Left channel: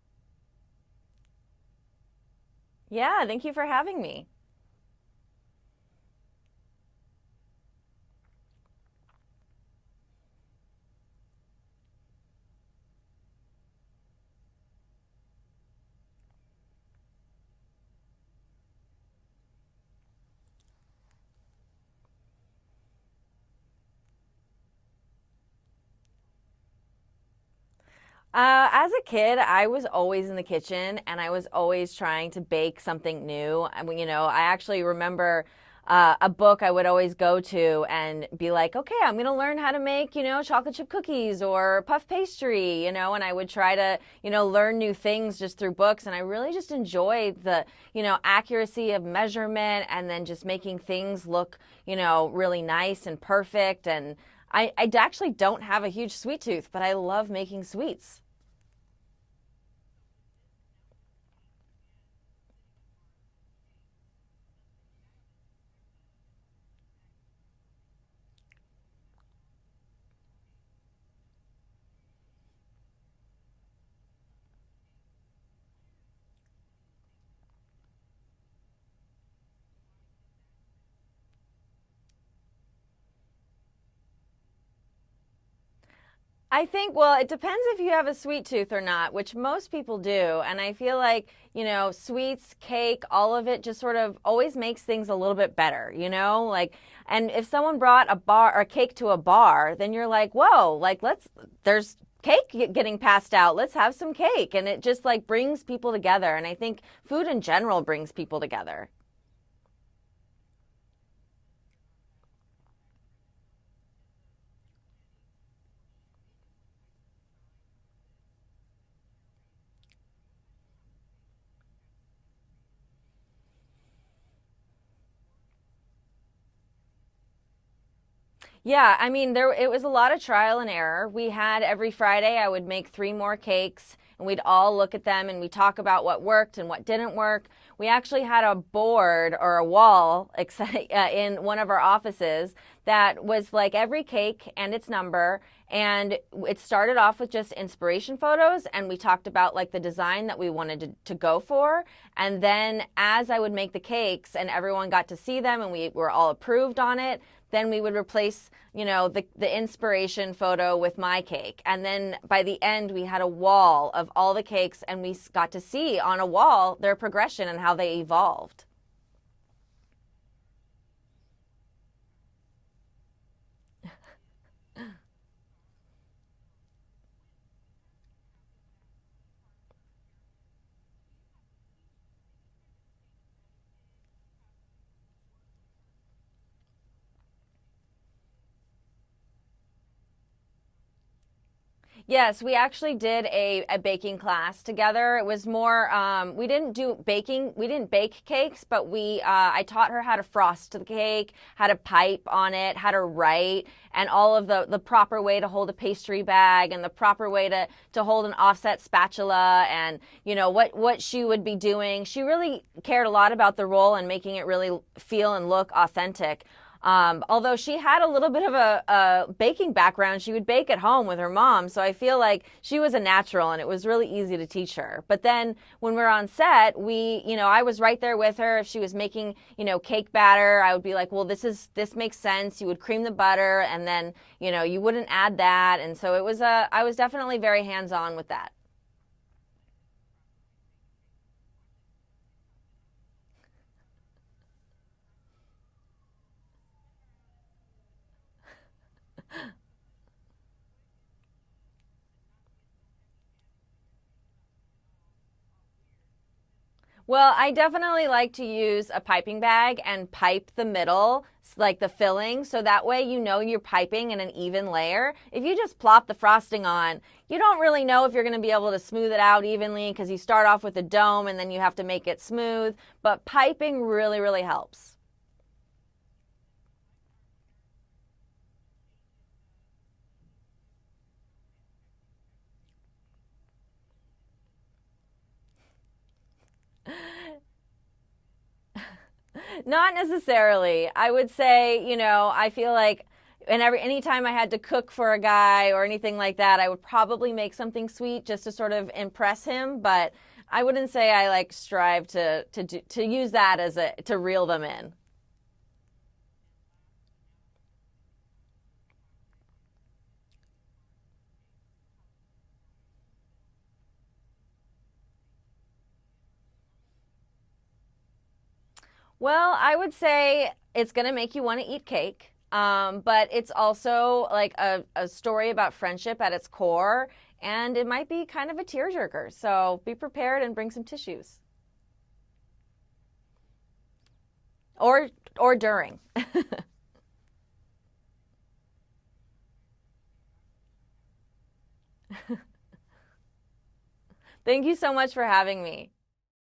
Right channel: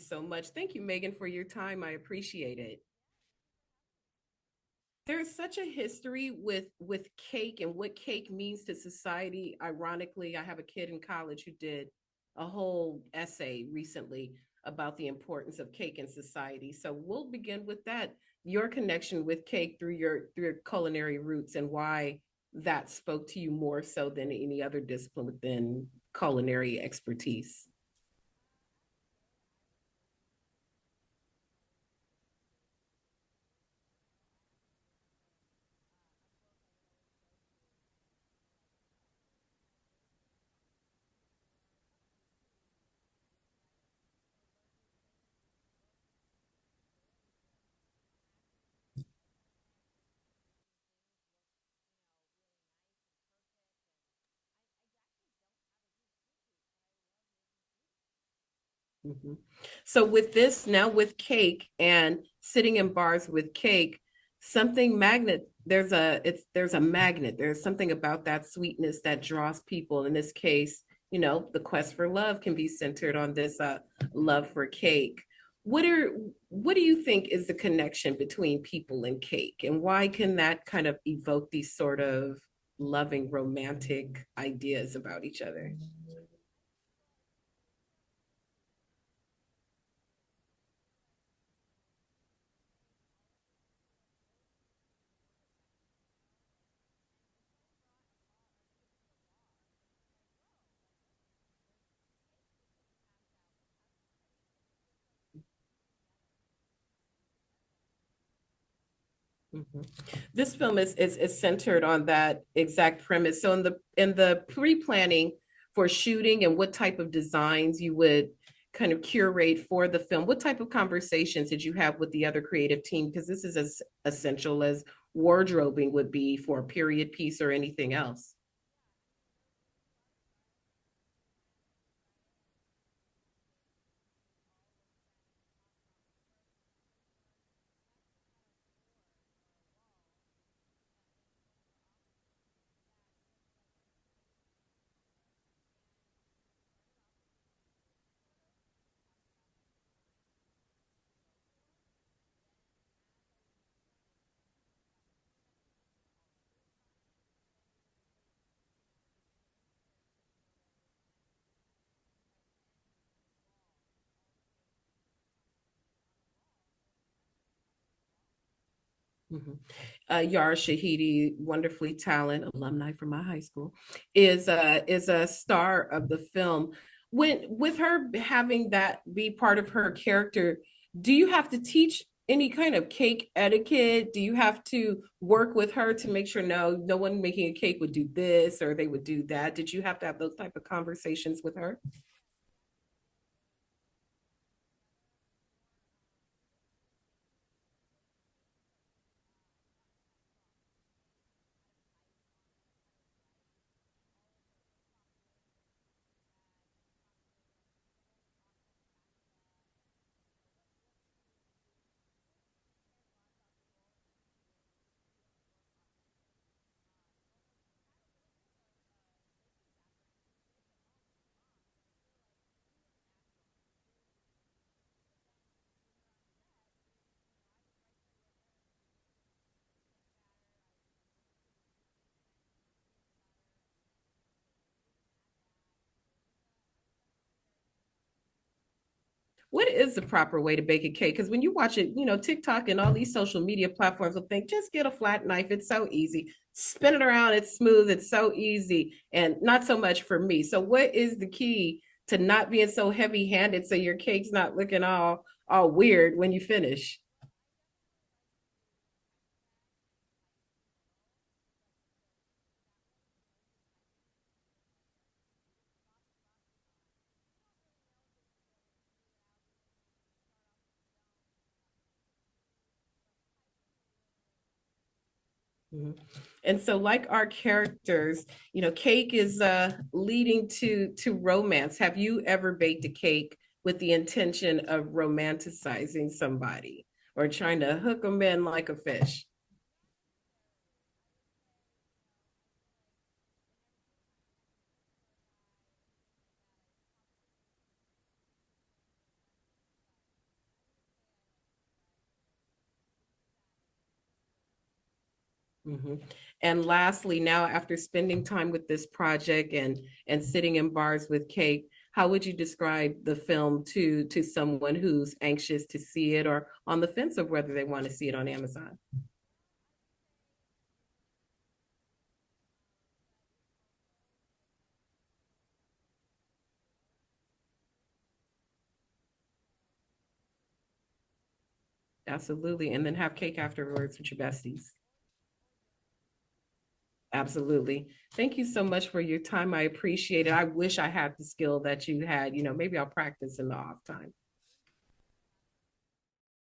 so much. Thank you, Megan, for your time. I appreciate it. Yeah, thank you for having me. There's such a history with cake and what cake means to society. Ironically, I have a kid in college who did a whole essay recently about the importance of cake in society. So we'll begin with that. Your connection with cake through your culinary roots and why that spoke to you more so than any other discipline within culinary expertise. As a kid, I was always in the kitchen and I was always trying to bake something new. I mean, I actually remember a book I would always go to and be like, okay, I'm going to learn how to make, chocolate chip cookies or puff pastry, and I would try to, learn new things just through books. And I really just enjoyed the, accuracy of measurement and then just making things look, really nice and perfect. And I actually don't have a huge sweet tooth, but I love making sweets. Mhm. So with this now with cake and sitting in bars with cake, something magnet there's a magnet. There's something about that sweetness that draws people. In this case, the quest for love can be centered on this love for cake. What are what do you think is the connection between people and cake, and why can that kind of evoke these sort of loving romantic ideas about each other? I think, well, it depends if you have a sweet tooth or not, which most people do. And I feel like, sweets, cake, all of it just sort of always makes things a little bit better, Like, and if someone brought a bar or cake to a bar, then you're like, whoa, like, there's cake getting passed out. Let's have some cake. And it just like brings people together. And I think food in general brings people together. Mhm. This film is centered on that exact premise. So in the pre-planning for shooting and what type of designs you would kind of curate for the film, what type of conversations did you have with the other creative team? Because this is as essential as wardrobing would be for a period piece or anything else. Yeah, I mean, it was a lot of trial and error. We had every Friday, I would make three more cakes, and we'd all look at them and we talk about what worked and what didn't work. We actually had a board or a wall in one of our offices that was like every cake and its number. And it started off with just inspiration photos, and we talked about like the design that we wanted to go for. And then as I would make the cakes and everyone got to see them and we were all approved on it, then we would replace the inspiration photo with my cake, and then by the end we had a wall of all the cakes and we got to see on a wall their progression and how they evolved. Mhm. Yara Shahidi, wonderfully talented alumni from my high school, is a star of the film. When with her having that be part of her character, do you have to teach any kind of cake etiquette? Do you have to work with her to make sure no one making a cake would do this or they would do that? Did you have to have those type of conversations with her? Yes, we actually did a baking class together. It was more, we didn't do baking, we didn't bake cakes, but I taught her how to frost the cake, how to pipe on it, how to write, and all of the proper way to hold a pastry bag and the proper way to hold an offset spatula and, what she would be doing. She really cared a lot about the role and making it really feel and look authentic. Although she had a little bit of a baking background, she would bake at home with her mom. So I feel like she was a natural and it was really easy to teach her. But then when we're on set, I was right there with her. If she was making, cake batter, I would be like, well, this makes sense. You would cream the butter and then, you wouldn't add that. And so I was definitely very hands on with that. What is the proper way to bake a cake? Because when you watch it, TikTok and all these social media platforms will think just get a flat knife. It's so easy. Spin it around. It's smooth. It's so easy, and not so much for me. So, what is the key to not being so heavy-handed so your cake's not looking all weird when you finish? Well, I definitely like to use a piping bag and pipe the middle, like the filling, so that way you're piping in an even layer. If you just plop the frosting on, you don't really know if you're going to be able to smooth it out evenly because you start off with a dome and then you have to make it smooth. But piping really, really helps. Mhm. And so, like our characters, cake is leading to romance. Have you ever baked a cake with the intention of romanticizing somebody or trying to hook them in like a fish? Not necessarily. I would say, I feel like And anytime I had to cook for a guy or anything like that, I would probably make something sweet just to sort of impress him. But I wouldn't say I like strive to use that as a to reel them in. Hmm. And lastly, now after spending time with this project and sitting in bars with Cake, how would you describe the film to someone who's anxious to see it or on the fence of whether they want to see it on Amazon? Well, I would say it's going to make you want to eat cake. But it's also like a story about friendship at its core, and it might be kind of a tearjerker. So be prepared and bring some tissues. Absolutely. And then have cake afterwards with your besties. Or or during. Absolutely. Thank you so much for your time. I appreciate it. I wish I had the skill that you had. Maybe I'll practice in the off time. Thank you so much for having me.